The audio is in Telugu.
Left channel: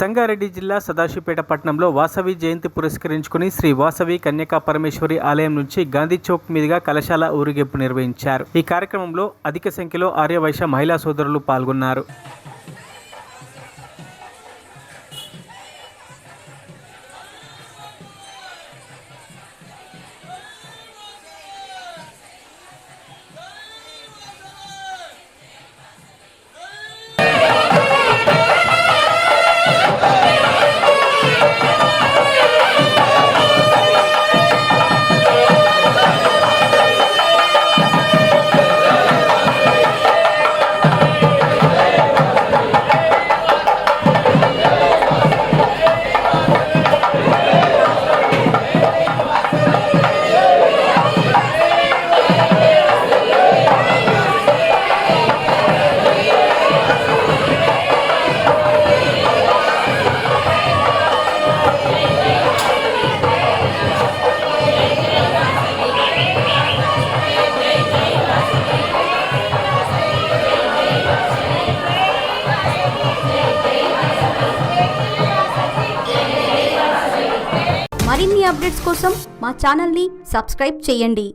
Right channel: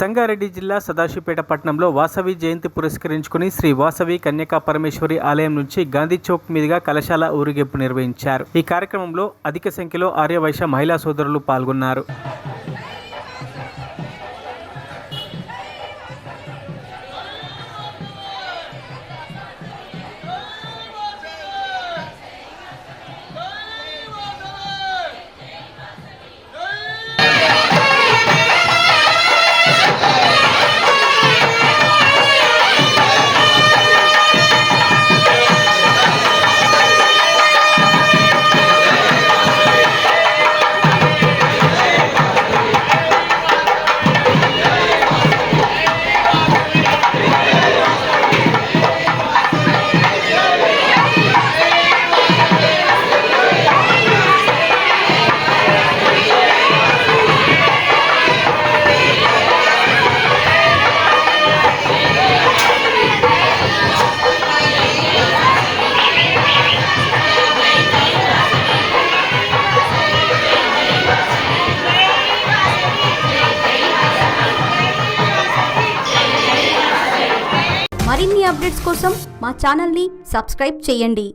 సంగారెడ్డి జిల్లా సదాశివపేట పట్టణంలో వాసవి జయంతి పురస్కరించుకుని శ్రీ వాసవి కన్యకా పరమేశ్వరి ఆలయం నుంచి గాంధీ చౌక్ మీదుగా కలశాల ఊరేగింపు నిర్వహించారు. ఈ కార్యక్రమంలో అధిక సంఖ్యలో ఆర్యవైశ్య మహిళా సోదరులు పాల్గొన్నారు. మరిన్ని అప్డేట్స్ కోసం మా ఛానల్ని సబ్స్క్రైబ్ చేయండి.